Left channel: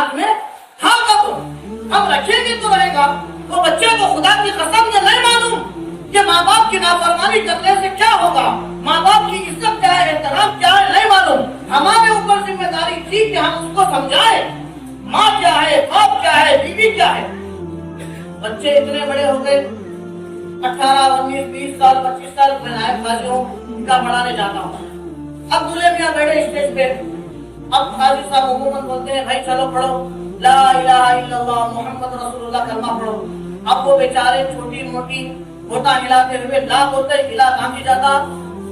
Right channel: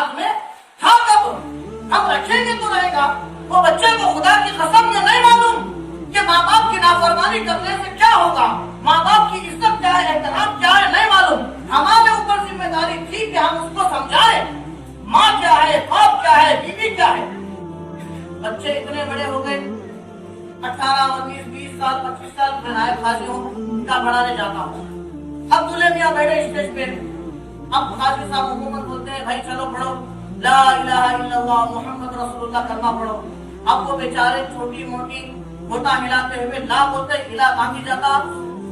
हाथ में था कब हम रखेंगे तो रहेगा। वो बच्चे को खुदा की कसम से नहीं मालूम कि माँ बाप की नाफरमानी करने से क्या होगा। माँ बाप की इज़्ज़त क्या है एहतराम क्या है, नहीं मालूम। हमारे ऊपर ज़िम्मेदारी थी कि हम उसको समझाए। माँ क्या है, बाप क्या है, बीवी क्या है? बच्चे इतने बड़े हो गए। अठारह, उन्नीस, बीस साल, पच्चीस साल में नायब खाजी हूँ उनका पढ़ाने जाता हूँ अब दूल्हे मियाँ बैठे स्टेज पे। अब खाजी साहब हुकूमत बोलते हैं, भाई चलो पढ़ो। ला इलाहा इल्लल्लाह, मोहम्मद रसूलुल्लाह, कलमा पढ़ो। अब वो बेचारे छोटी मोटी गोता हिलाते हुए ला बोलते हिला कांगी जाता,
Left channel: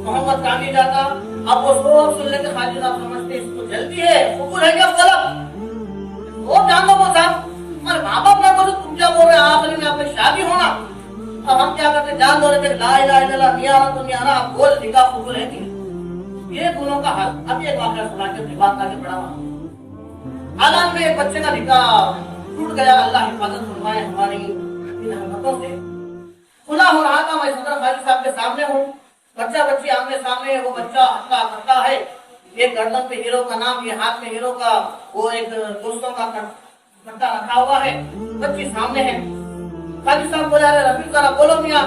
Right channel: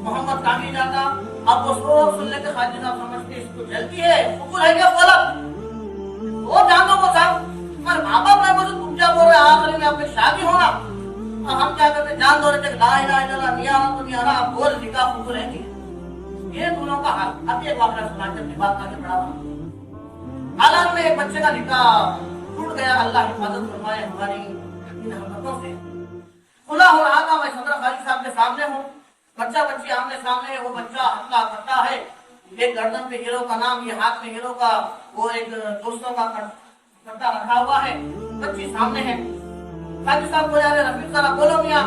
मोहम्मद कांगी जाता। अब वो सो सुन लेते खाजी साहब समझते इसको जल्दी है हुकुर है क्या गलत? वो जान लो वो साहब, अरे माँ बाप ने बोलो, तुम क्या बोल रहे हो? आखिरी में आपकी शादी होना। अब हम क्या करते जान दो रहे थे ला इलाहा इल्लल्लाह नहीं आ तो नहीं आ अब बोल, निकाह हुकुर है ये दोनों का हाल अब एक वाकया सुना के बात आगे बढ़ावा हालात में एक बच्चे का निकाह टूट गया। अल्लाह हिफाजत फरमाए, हमारी इन हरकतों से। खुला हो रहा था, मैं सदर खाली साहब के सामने हूँ। बच्चा बच्ची आमने सामने, वो बच्चा हल्का करता है। एक गर्दन पे हीरो का नाम, ये हाथ में हीरो का, वो एक दोस्तों का कट्टा रखा हुआ है। बच्ची सामने है। खाली साहब बोला रफी सारा बोलो मियाँ।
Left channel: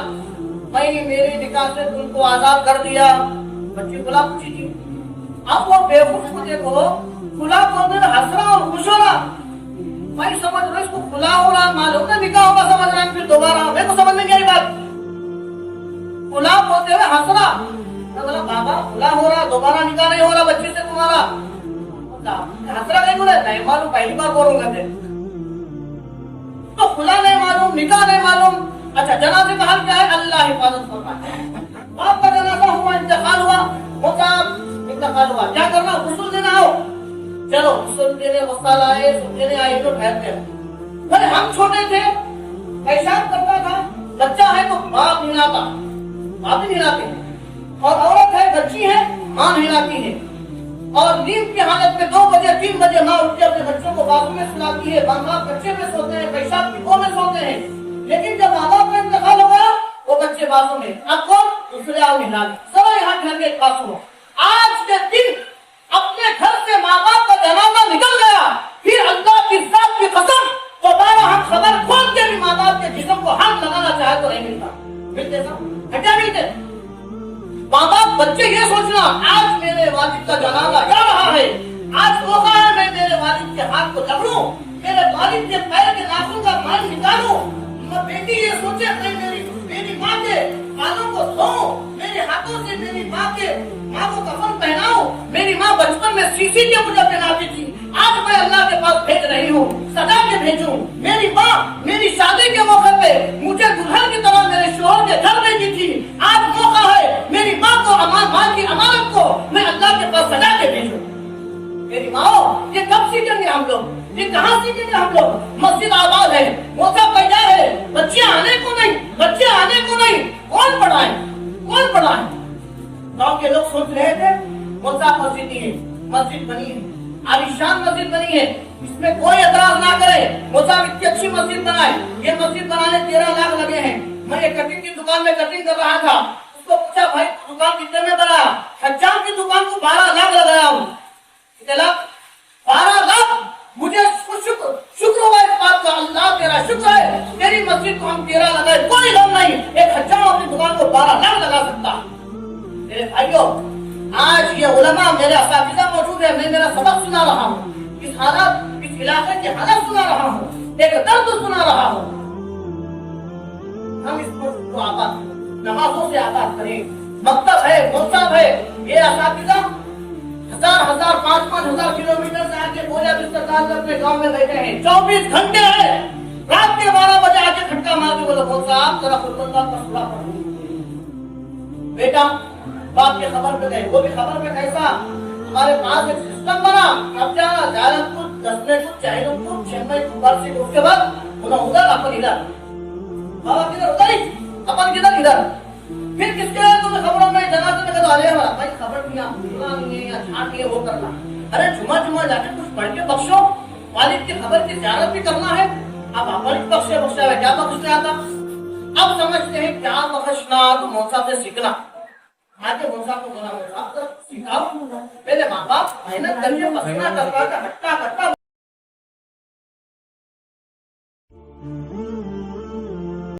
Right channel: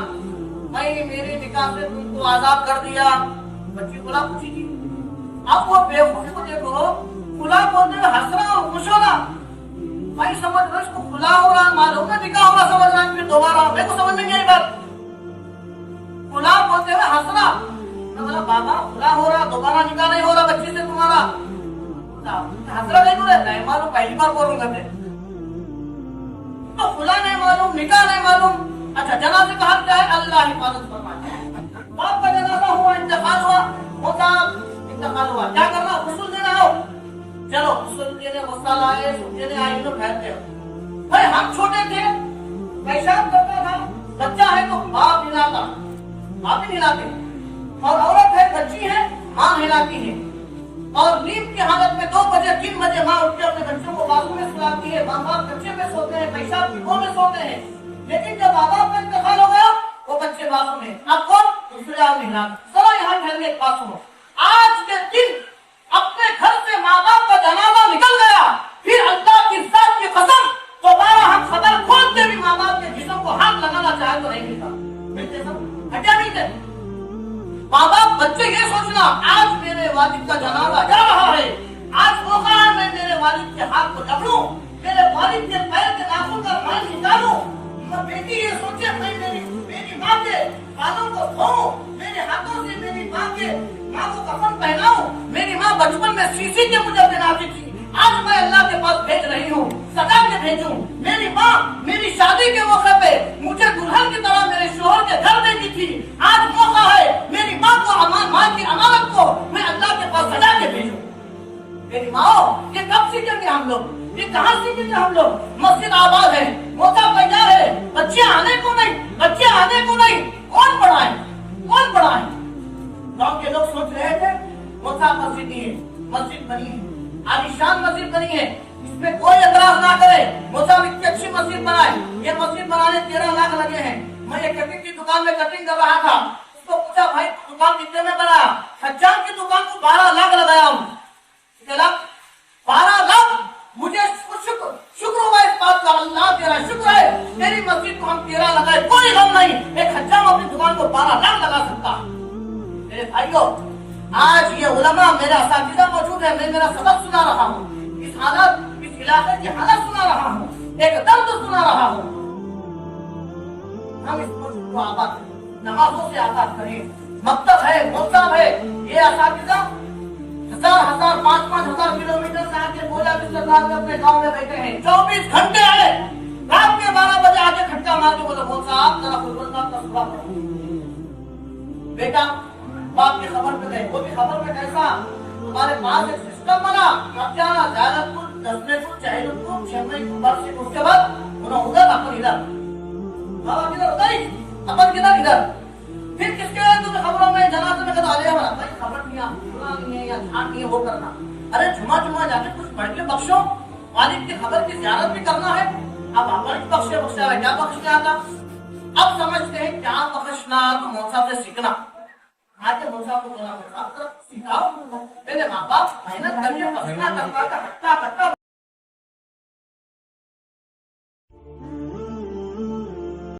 मैं मेरे निकाह से तुमको आज़ाद कर दिया। बच्ची खुला पूछी थी अब वो बेवकूफ़ को देखो खुला हुए हंस रहा और खुश हो रहा मैं समझ रहा इसको खुला हो रहा मालूम ना निकाह होगा समझ रहा फिर दोबारा मेरे को समझ में नहीं आई बात। खुला बोलते हुए हंस रहा बाबा, खुला हो रहा, दोबारा निकाह नहीं हो रहा बच्चे से तुम्हारा। हंस रहा नहीं बोले, नहीं मालूम, पहली बार बोलूँगा थे तो खुला नहीं मालूम, निकाह नहीं मालूम। अच्छा जनाजे का हाल क्या है? अल्लाह हिफाजत फरमाए। बाप का जनाजा ठहरते हो। भाई, हम छोटे थे पेशाब करता था बच्चा है तो बाप हिलाता ही हिलाते और औरत है, बच्ची है, माँ हिलाती है। और नींद की हालत में दो बजे, तीन बजे माँ अपने बच्चों को बाजू में सुलाती है, माँ बाप बच्चे पे सोते हैं की में सोते हैं। लेकिन जब माँ बाप का इंतकाल हो गया वो बच्चे बाजू में, अब कौन? दूसरे आओ हिला यहाँ में आज के दिन अपने घर से माँ बाप का जनाजा निकल गया। की कसम, दोबारा हम खबर खोल के भी माँ बाप के जिस्म को हाथ लगाना चाहे तो नहीं मिलता। मिलते सब हटा नहीं थे। माँ बाप बच्चे ये सोचना, आज मेरे वालिद का जनाजा जा रहा है। आज मौका है मैं मेरे वालिद के हाथ को जकड़ू, मेरे वालिद के पैर के नाखून का माल निकालू। मैं बेटी ये सोचे, मैं मेरी मेरी माँ के बालों को धोऊं, मेरे हाथों से मेरी माँ के माँ को कफन पहनाऊं। मेरी माँ बचपन में शीशी के मुझे पहनाती थी आज मैं अल्लाह के पास भेज रही हूँ। मेरी माँ मेरी शादी के मौके पे मुझे दुल्हन की तरह मेरे शोहर के घर भेजी थी। आज मौका है, मेरी माँ को अमान माँ की अमानत को मैं अल्लाह के पास सजा के भेजू। मेरी माँ, ये कब सीखेंगे हम लोग? ये कहाँ सीखेंगे हम लोग? मस्जिद आबाद है मोता तैयार है बच्चे आने को नहीं बच्चे आने को नहीं। कौन पढ़ाए? कौन पढ़ाए? गाँव के लोग सोच रहे थे मोता मस्जिद मस्जिद बनी है। आलिशान मस्जिद बनी है। इसमें कोई एतराज़ ना करे। मोता इतनी अच्छी मस्जिद बनाए। ये मस्जिद बनाने तेरह लाख लगे हैं। मैं एक कटिंग की दुकान में कटिंग कर रहा था। उसको पूछा, भाई, दुकान कितने में बनाया? हजाम की दुकान को बारह लाख लगाया हूँ। कितने लाख? बारह लाख? मुझे शुक्र शुक्र हुआ इस बात का। अल्लाह तेरा शुक्र है। मेरी मस्जिद को हम तेरह लगाए। कोई गम नहीं। एक हज़ार अपनी दुकान को बारह लाख लगा सकता। मेरे भाइयों आज ये उलमा मेरे असातिजा मौजूद है मैं मेरा सबक सुना रहा हूँ। इस हालत, इस इलाके की हालत सुना रहा हूँ। एक दर्द सुना रहा हूँ। हम इस पर को आबाद नमाजों से आबाद करें। मकतब है मोहताब है। ये असातिजा हज़ार हज़ार, पाँच पाँच हज़ार किलोमीटर से आके बोला बिस्तर डाल अपने गाँव में बैठे हैं। चौबीस घंटे आए। रात के बारह बजे आके खटका मार के बोले, बोल साहब, जरा खुलबंदा का सुरा पढ़ो। बेटा बाप के खबर पे गए वो भी खबर पे कैसा? हमारे पास एक सिस्टम बना अब जाना, जालमपुर, दसनेपुर चाइनपुर चेन्नई, मुंबई से उसके बाद उन्हें उधर, अपन इधर। बाबा किधर उधर ही, अपन किधर, इधर। फिर किसके तुम्हें खबरों में जनाजे में कदा आने वाला? भाई, खबर नहीं आप भूलना नहीं है या छाट नहीं है, वो करना। अरे जुमा जुमा जाके कुछ पढ़ के बख्शो वालिद की खबर की जियारत भी करना है। अब अपन बख्शे बख्शा है क्या बख्शने आता? अब समझते हैं, क्या बख्शना तो मौसा से सीखना। आगे मौसा को बोला अब सिखाओ पहले माँ बाप मेहनत करके बख्शना करवा का हट्टा कट्टा